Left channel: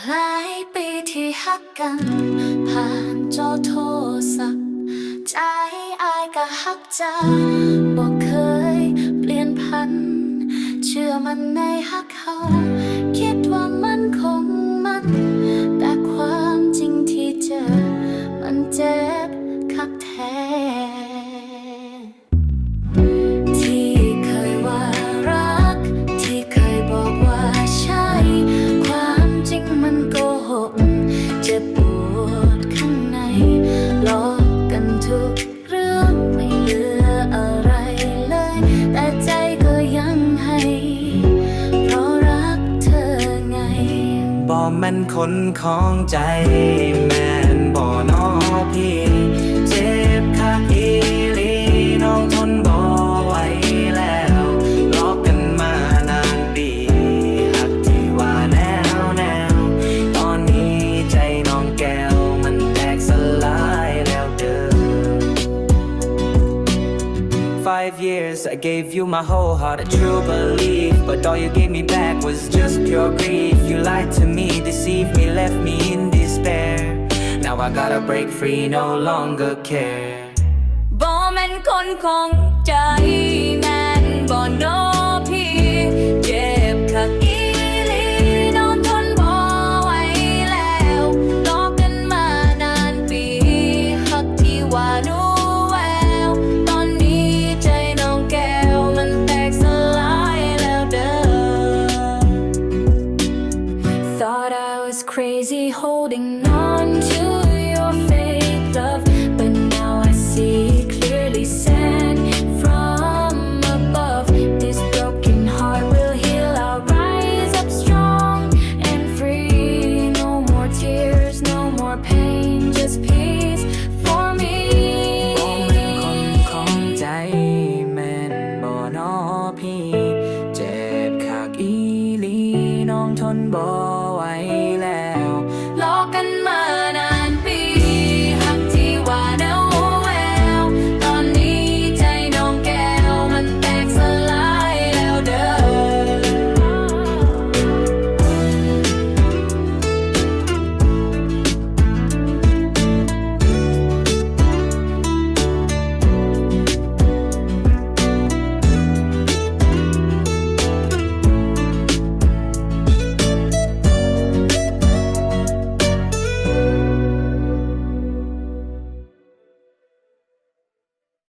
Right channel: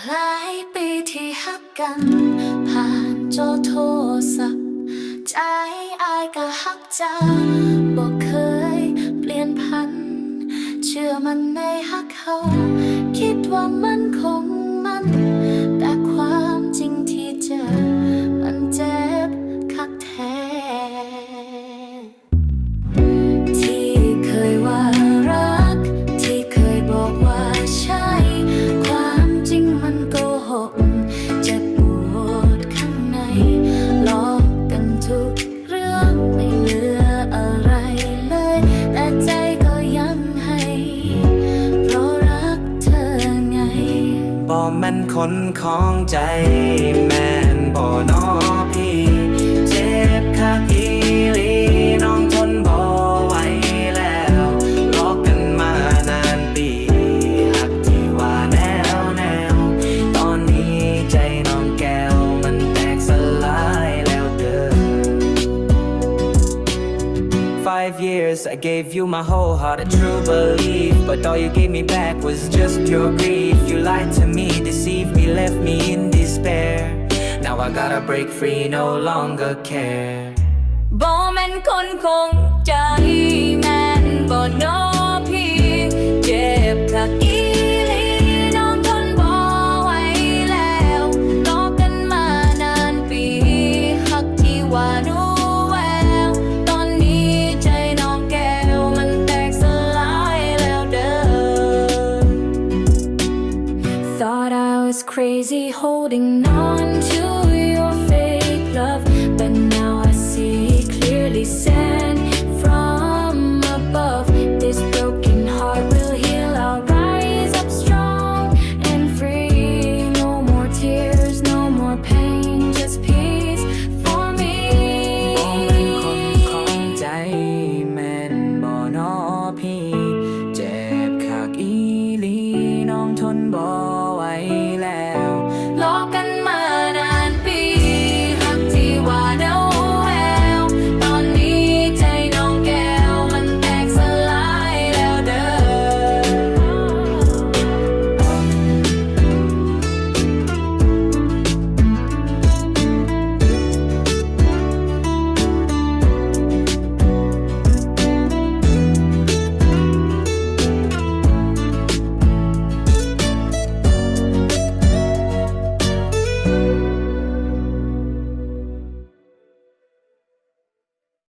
หลายปีที่ฮักกัน ผ่านจอโทรศัพท์ ใจอายก็ฮักเจ้าบอกเคยเปลี่ยนพัน เชื่อมันในฮักเขา คิดว่ามันคงมัน แต่ความจริงที่เจอ มันเจ็บคักแท้ เจ็บปวดข้างในลอกกันทุกเรื่องไม่เหลืออะไรเลย แต่ใจก็ยังให้ เพราะรักเธอไงบ่แม่นคนของใจแม่ Five years, I gave you my whole heart, a true belief. But all you gave me back was just pure grief. You lied to me, deceived me, left me in despair. Now I gotta break free, no longer care. บ่แม่นคนคงใจแม่นบ่นอพี่ was crazy holding on to your fake love, but now I see clearly sent from above. This broken heart will heal. I'll rise up strong and free. No more tears, no more pain, just peace for me. บ่แม่นคนของใจแม่นบ่นอพี่ เจ็บ ากอีลีน้องทนบ่ไหวแล้ว